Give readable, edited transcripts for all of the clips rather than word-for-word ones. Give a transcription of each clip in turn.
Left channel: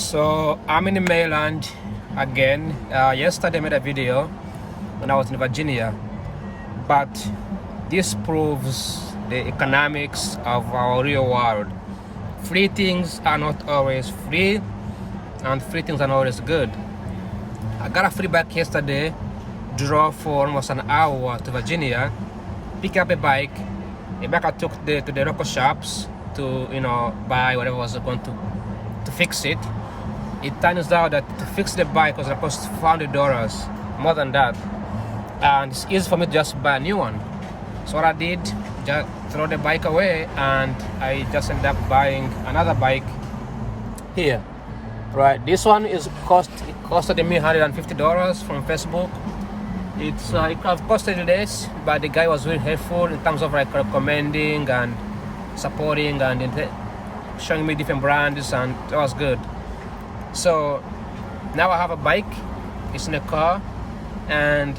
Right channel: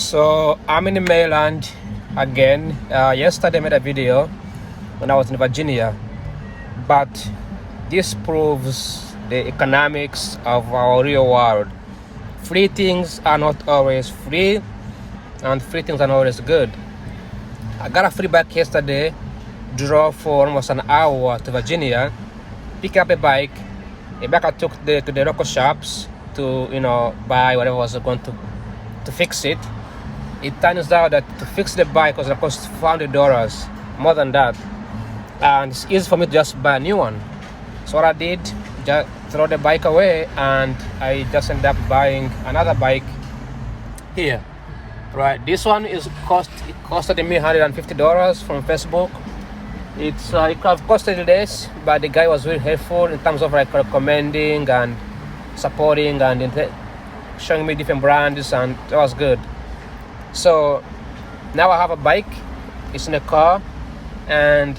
So I'm in the mainland again. Yesterday I made a video when I was in Virginia, but this proves the economics of our real world. Free things are not always free, and free things are not always good. I got a free bike yesterday, drove for almost an hour to Virginia, pick up a bike. A bike I took to the local shops to buy whatever was going to fix it. It turns out that to fix the bike was going to cost $400, more than that, and it's easy for me to just buy a new one. So what I did, just throw the bike away, and I just ended up buying another bike here. Right, this one it costed me $150 from Facebook. It could have costed less, but the guy was very helpful in terms of like recommending and supporting and showing me different brands, and that was good. So now I have a bike. It's in a car, and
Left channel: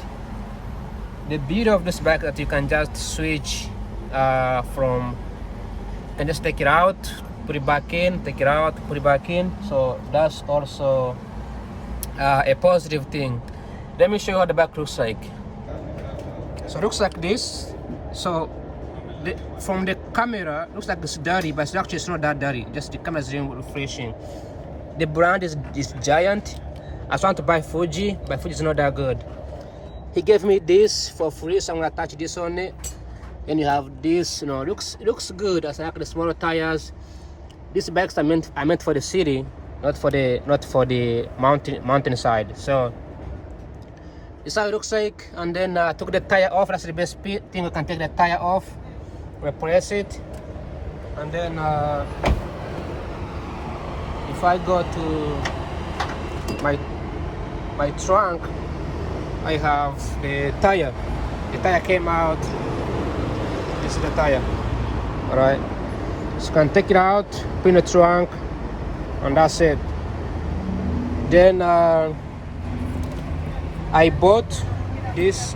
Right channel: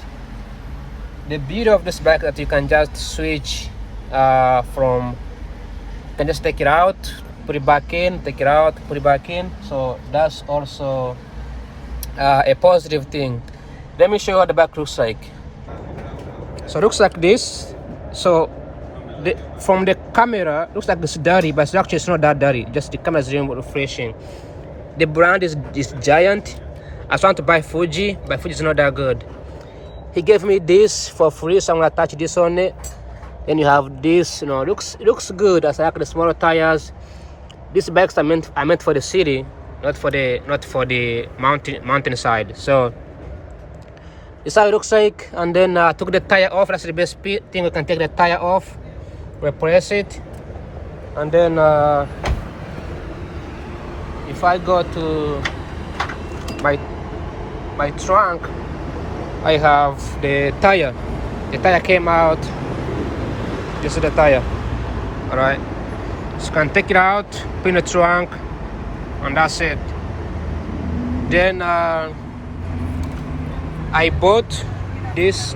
the beauty of this bike that you can just switch from. You can just take it out, put it back in, take it out, put it back in. So that's also a positive thing. Let me show you what the back looks like. So it looks like this. So from the camera, it looks like it's dirty, but it's not that dirty. Just the camera is really refreshing. The brand is Giant. I was trying to buy Fuji, but Fuji is not that good. He gave me this for free, so I'm gonna attach this on it. Then you have this, it looks good. As I like the smaller tires. These bikes are meant for the city, not for the mountain side. So this is how it looks like. And then I took the tire off. That's the best thing. You can take the tire off, replace it, and then if I go to my trunk, I have the tire. The tire came out. This is the tire. All right. So you can take it out, put in the trunk, and that's it. Then I bought this.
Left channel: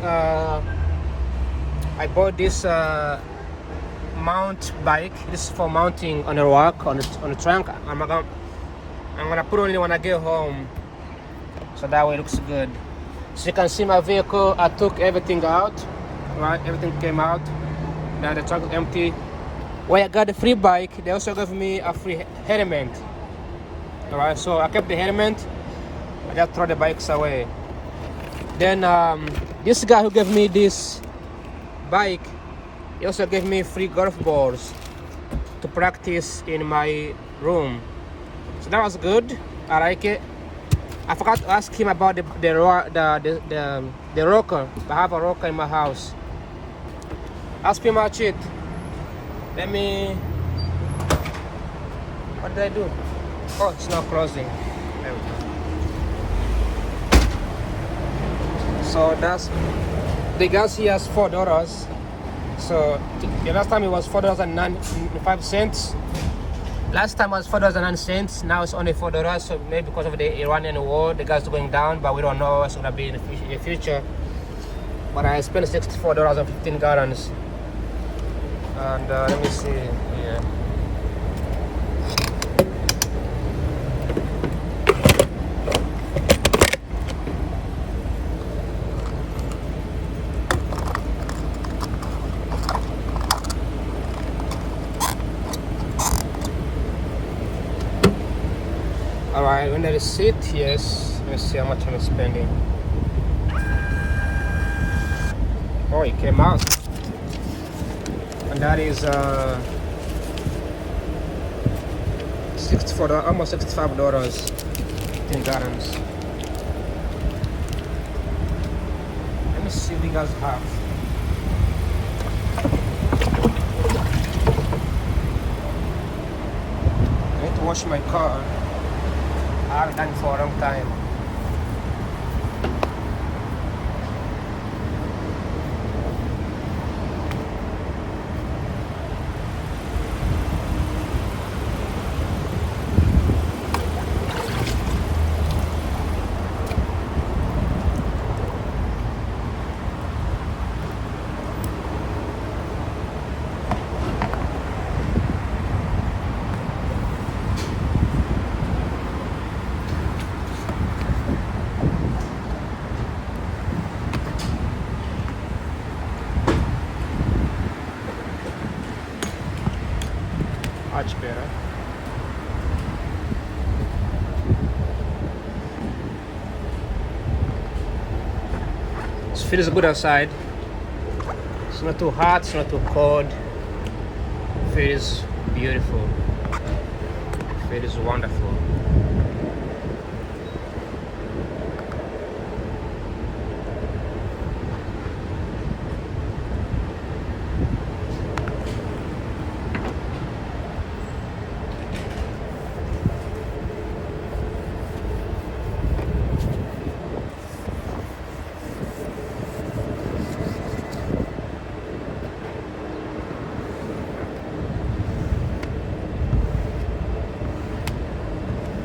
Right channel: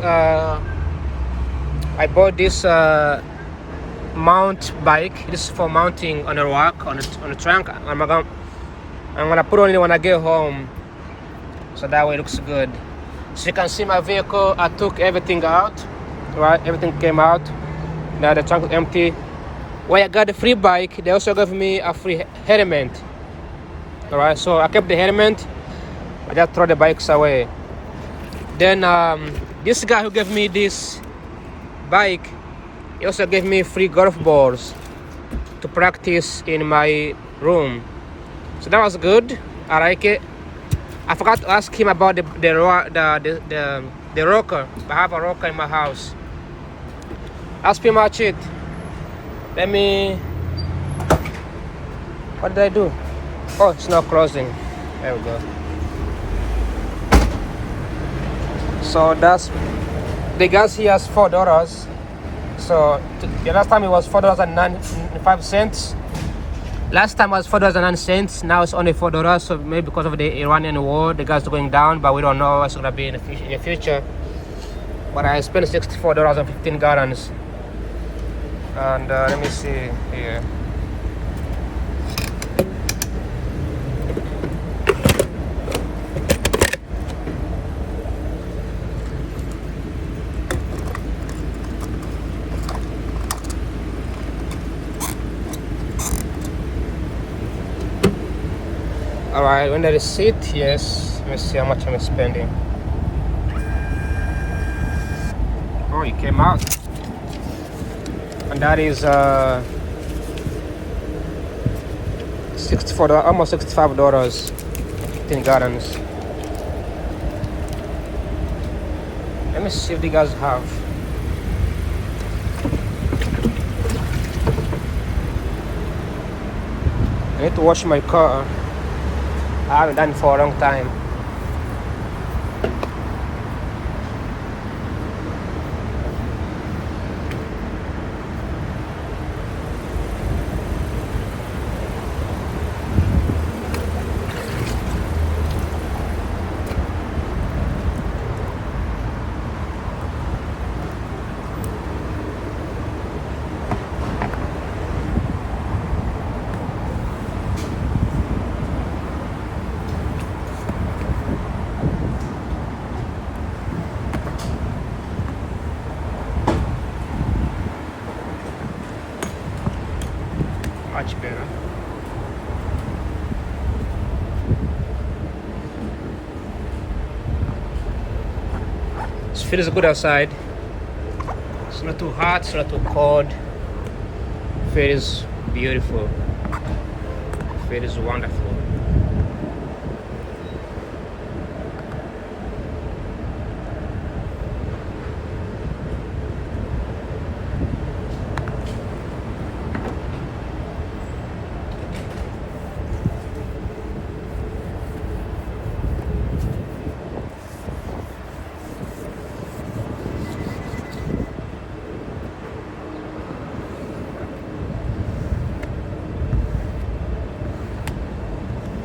Mount bike. This is for mounting on a rock on the trunk. I'm gonna put on it when I get home, so that way it looks good. So you can see my vehicle. I took everything out. Right, everything came out. Now the trunk is empty. When I got the free bike, they also gave me a free helmet. All right, so I kept the helmet. I just throw the bikes away. Then this guy who gave me this bike, he also gave me free golf balls to practice in my room. So that was good. I like it. I forgot to ask him about the rocker. I have a rocker in my house. That's pretty much it. Let me. What did I do? Oh, it's not closing. There we go. So that's the gas here is $4. So the last time it was $4.95. Last time was $4.09. Now it's only $4. So maybe because of the Iranian war, the gas is going down, but we don't know what's gonna be in the future. But I spent $64 on 15 gallons. And let me see here. Alright, when the receipt, yes. Let me see how much I'm spending. Oh, it came out. And that is $64, almost $65 in gallons. Let me see if the guys have. I need to wash my car. I haven't done it for a long time. feels good outside. It's not too hot, it's not too cold. Feels beautiful. Feels wonderful.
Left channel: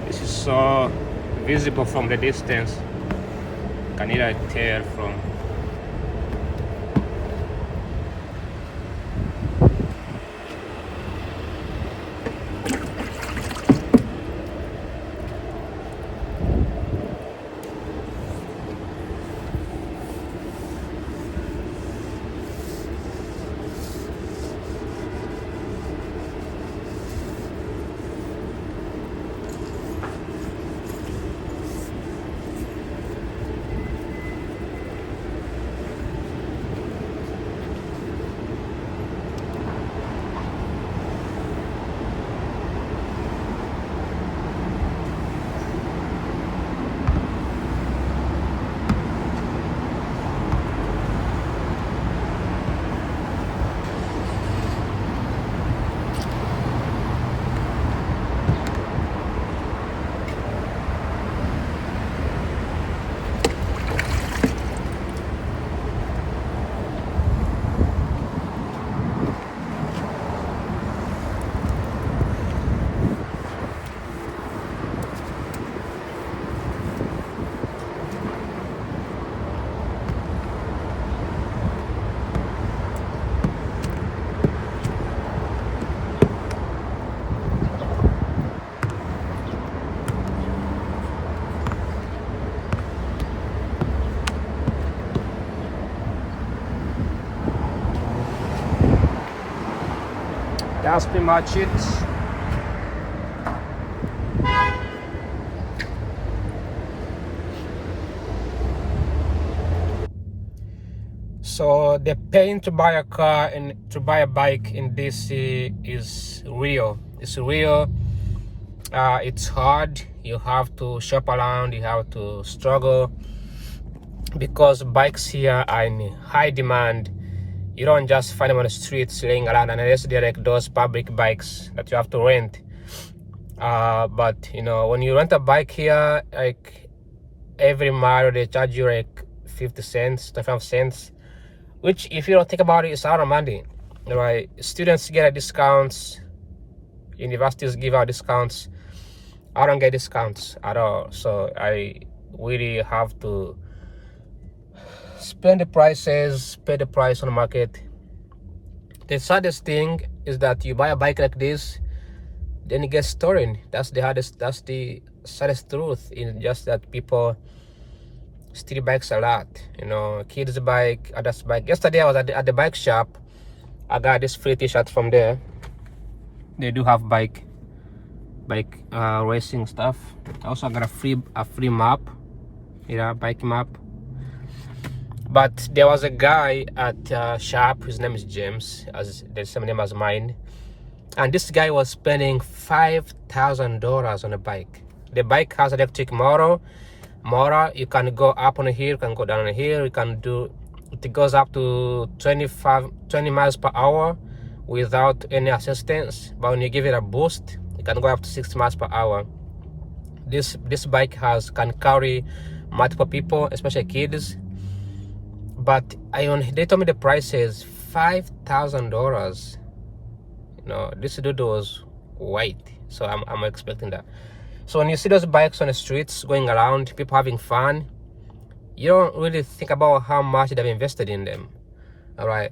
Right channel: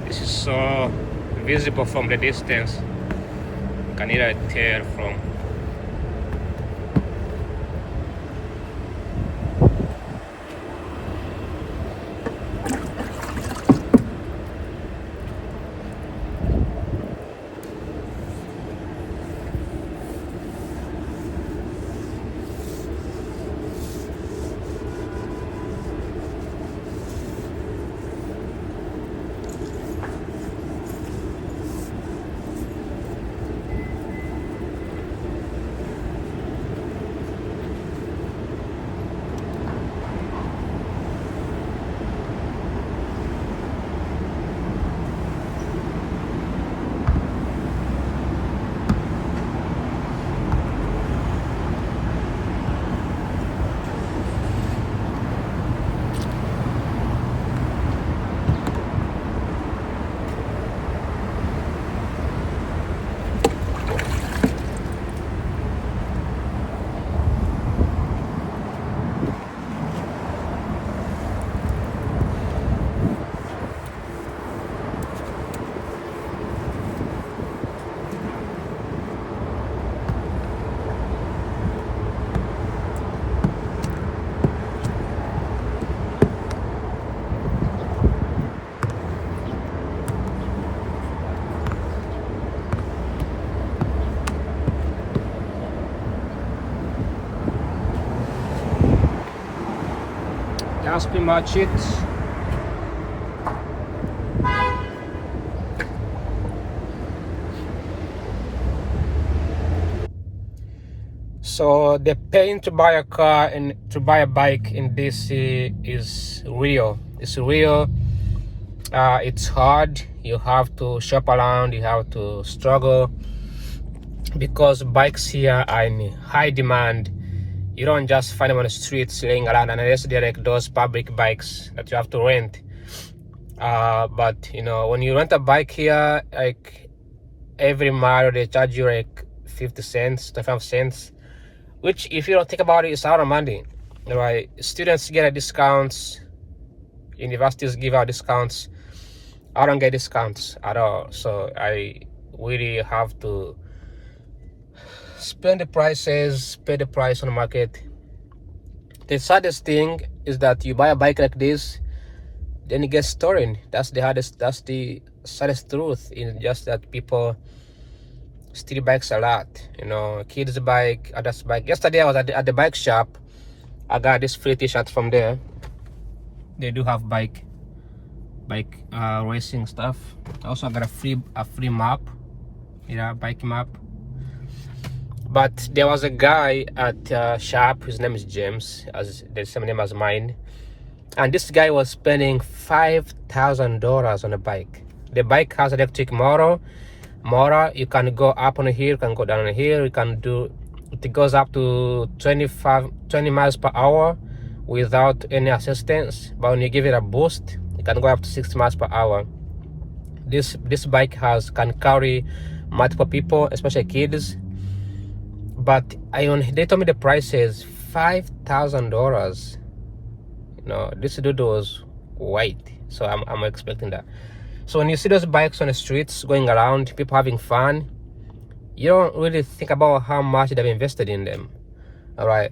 This is so visible from the distance. You can either tell from. That's pretty much it. So the pain to buy a car and to buy a bike in DC is real. It's real. It's hard. You have to shop around. You have to struggle because bikes here are in high demand. You don't just find them on the streets laying around unless they're like those public bikes that you have to rent. But you know, when you rent a bike here, like every mile they charge you like 50 cents, 25 cents, which if you don't think about it, it's out of money, right? Students get discounts, universities give out discounts. I don't get discounts at all, so I really have to spend the prices, pay the price on the market. The saddest thing is that you buy a bike like this, then it gets stolen. That's the saddest truth, is just that people steal bikes a lot. You know, kids' bike, adults' bike. Yesterday I was at the bike shop. I got this free t-shirt from there. They do have bike racing stuff. I also got a free map, bike map. But there was a guy at shop, his name is James, as the same name as mine, and this guy was spending $5,000 on a bike. The bike has electric motor. You can go up on a hill, you can go down on a hill, it goes up to 20 miles per hour without any assistance, but when you give it a boost, it can go up to 60 miles per hour. This bike can carry multiple people, especially kids. But they told me the price is $5,000. You know, this dude was white, so I'm expecting that. So when you see those bikes on the streets going around, people having fun, you don't really think about how much they've invested in them. All right,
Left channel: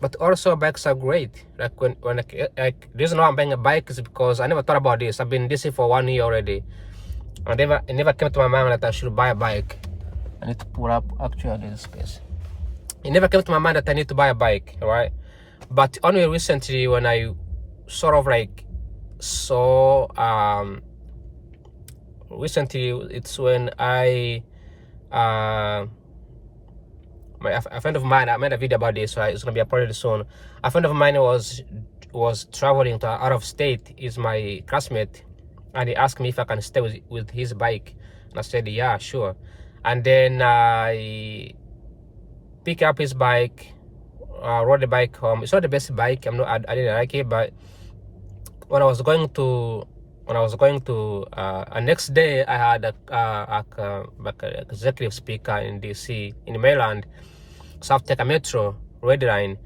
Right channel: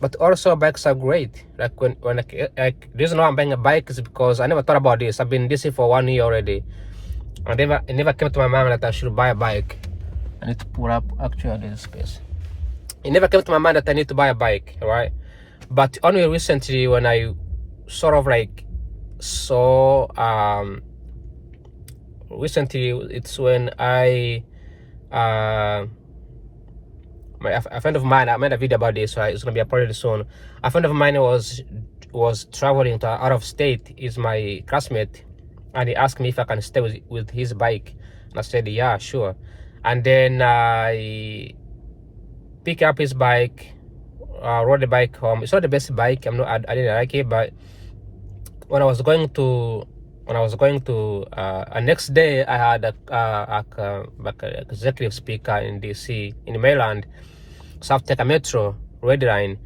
but also bikes are great. Like the reason why I'm buying a bike is because I never thought about this. I've been in DC for 1 year already, and it never came to my mind that I should buy a bike. I need to pull up actually this space. It never came to my mind that I need to buy a bike, right? But only recently, when I sort of like saw, recently it's when I a friend of mine, I made a video about this, so it's gonna be uploaded soon. A friend of mine was traveling to out of state. Is my classmate, and he asked me if I can stay with his bike. And I said, yeah, sure. And then I pick up his bike, rode the bike home. It's not the best bike. I didn't like it, but when I was going to next day, I had a executive speaker in DC in Maryland, so I have to take a metro red line.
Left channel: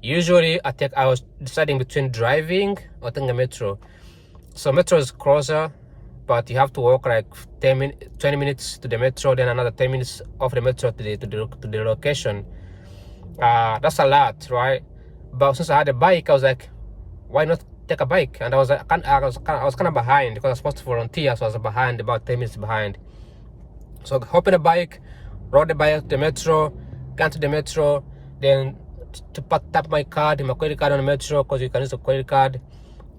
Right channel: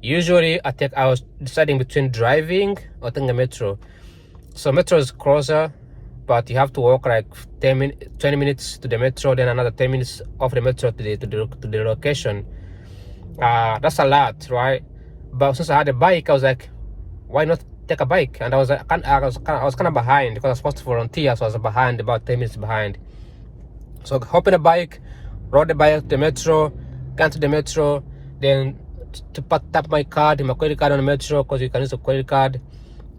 Usually I was deciding between driving or taking a metro. So metro is closer, but you have to walk like 20 minutes to the metro, then another 10 minutes off the metro to the location. That's a lot, right? But since I had a bike, I was like, why not take a bike? And I was kind of behind because I was supposed to volunteer, so I was behind, about 10 minutes behind. So hop in a bike, rode the bike to the metro, got to the metro, then to tap my credit card on the metro, because you can use a credit card.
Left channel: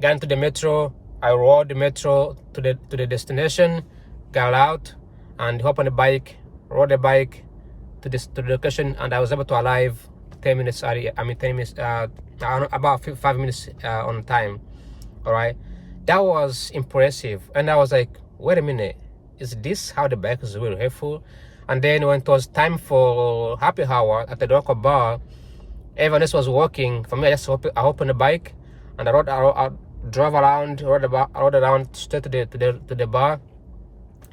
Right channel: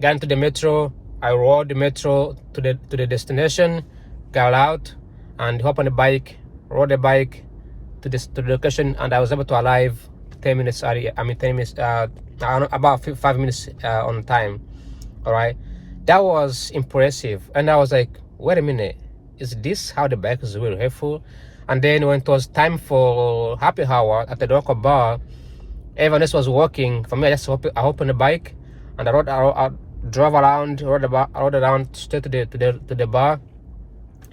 Got into the metro, I rode the metro to the destination, got out, and hop on the bike, rode the bike to the location, and I was able to arrive 10 minutes early. I mean 10 minutes, about 5 minutes on time. All right, that was impressive, and I was like, wait a minute, is this how the bike is really helpful? And then when it was time for happy hour at the local bar, everyone else was walking. For me, I opened the bike and I drove around, rode around straight to the bar.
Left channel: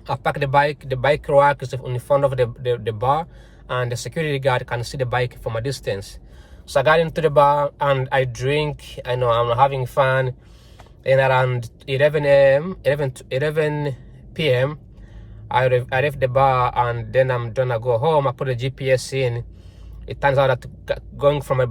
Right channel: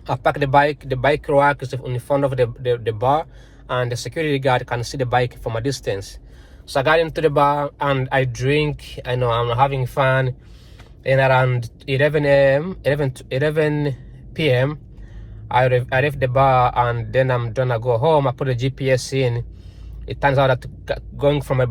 I parked the bike. The bike rack is in front of the bar, and the security guard can see the bike from a distance. So I got into the bar and I drink. I know I'm having fun. And around 11 p.m. I left the bar, and then I'm gonna go home. I put the GPS in. It turns out that going from the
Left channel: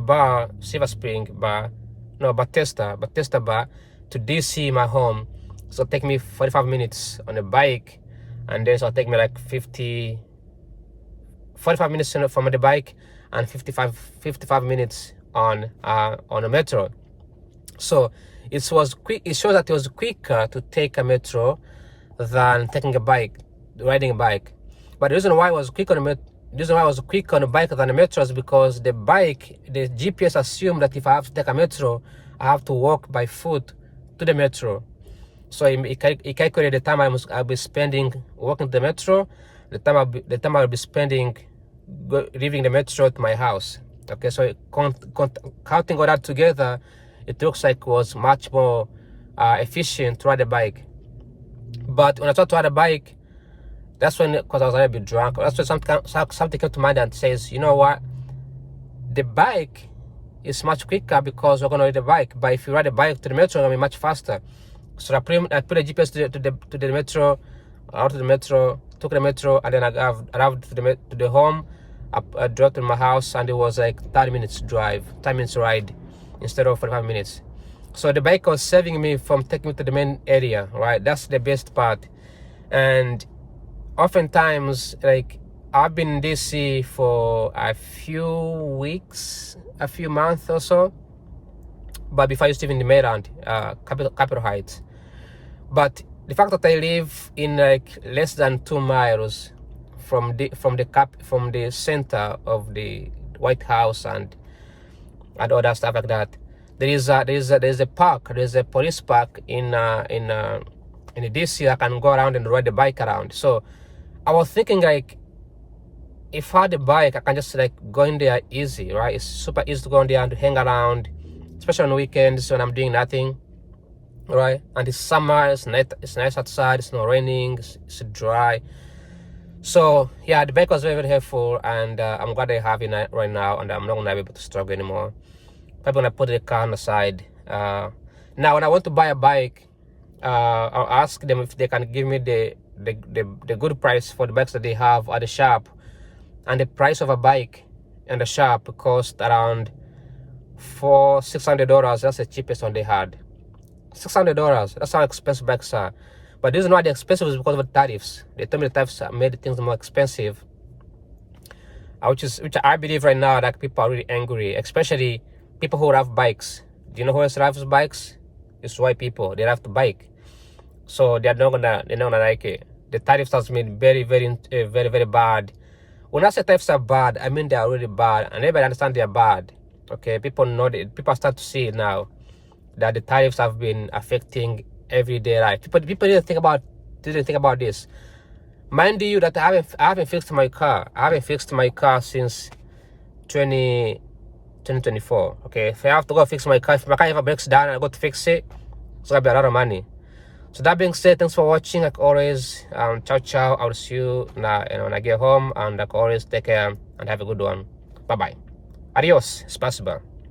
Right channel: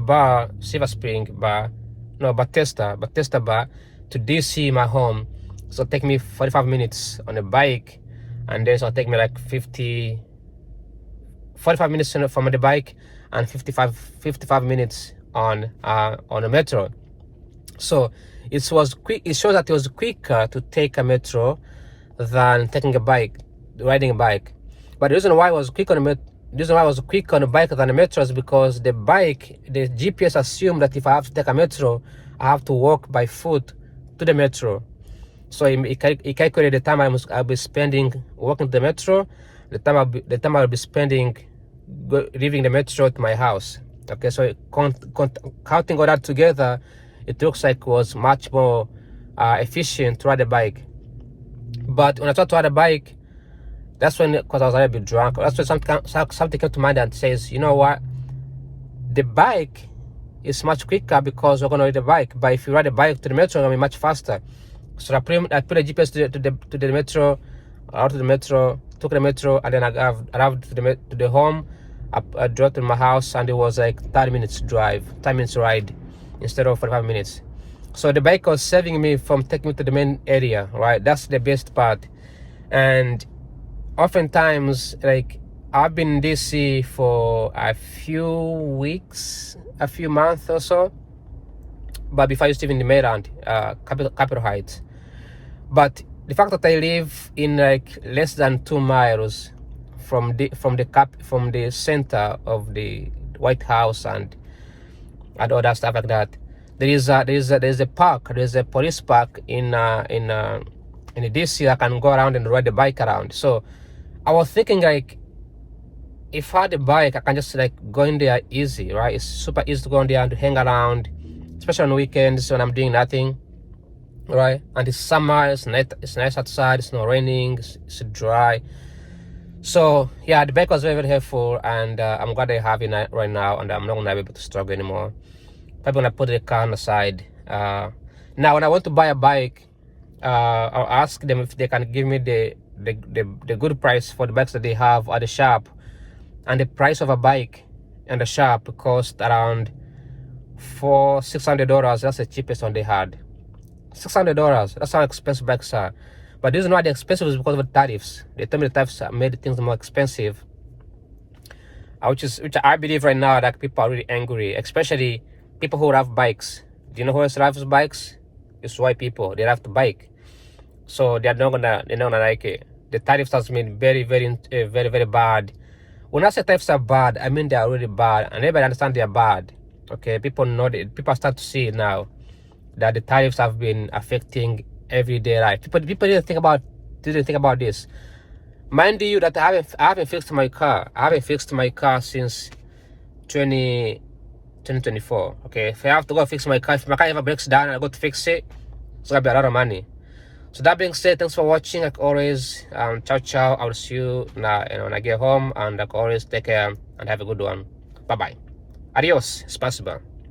bar, Silver Spring bar, no, Bethesda bar to DC, my home, so it take me 45 minutes on a bike, and then so it'll take me like 45 minutes from the bike, and 55 minutes on a metro. So it was quick. It shows that it was quicker to take a metro than taking riding a bike. But the reason why I was quick on the bike than the metro is because the GPS assumed that if I have to take a metro, I have to walk by foot to the metro. So it calculated the time I'll be spending walking to the metro, the time I'll be spending leaving the metro to my house. Okay, so counting all that together, it looks like it was much more efficient to ride a bike. But when I tried to ride a bike, that's when, because I was a little bit drunk, that's when something came to mind and says, you know what, the bike is much quicker because we're going to ride the bike. But if you ride a bike to the metro, it's going to be much faster. So I put the GPS to the metro, out to the metro, took the metro, and then I arrived to the home. I drove to my house, and it was like 30 minutes ride instead of 45 minutes. So the bike was saving me from taking me to the main area, right? That's the best part. And oftentimes, like, I've been in DC for a few weeks, a few months or so, but before I used to live in the Maryland, Capitol Heights. But the fact that I live in like less than 2 miles from the center of the White House and all that stuff like that, there's a park, there's a police park in DC. I can go around and ride the bike around. So I was thinking, like, if I had a bike, I can just like go in there easy, right? It's super easy to go in there and to hang around, especially on weekends when I'm doing nothing, right? And it's summer, it's nice outside, it's not raining, it's dry. So yeah, the bike was very, very helpful, and I'm glad I have it right now, and I'm not gonna be able to struggle anymore. Probably gonna put the car on the side. Now, when I want to buy a bike, I'll ask them if they can give me the good price for the bikes that they have at the shop. And the price of a bike in the shop cost around $600. That's the cheapest one they had. $600. That's how expensive bikes are. But the reason why they're expensive is because of the tariffs. They told me the tariffs made things more expensive. Which I believe right now that people are really angry, especially people who have bikes. Do you know who else drives bikes? It's white people. They have to bike, so they're not gonna like it. The tariffs has made very, very, very, very bad. When I say thefts are bad, I mean they are really bad, and everybody understand they are bad. Okay, people know it. People start to see it now that the tariffs have been affecting everyday life. People didn't think about this. Mind you, that I haven't fixed my car. I haven't fixed my car since 2024. Okay, if I have to go fix my car, if my car ever breaks down, I go to fix it. It's gonna be a lot of money. So that being said, thanks for watching. Like always, ciao ciao. I'll see you now, when I get home. And like always, take care and have a good one. Bye bye. Adios. It's possible.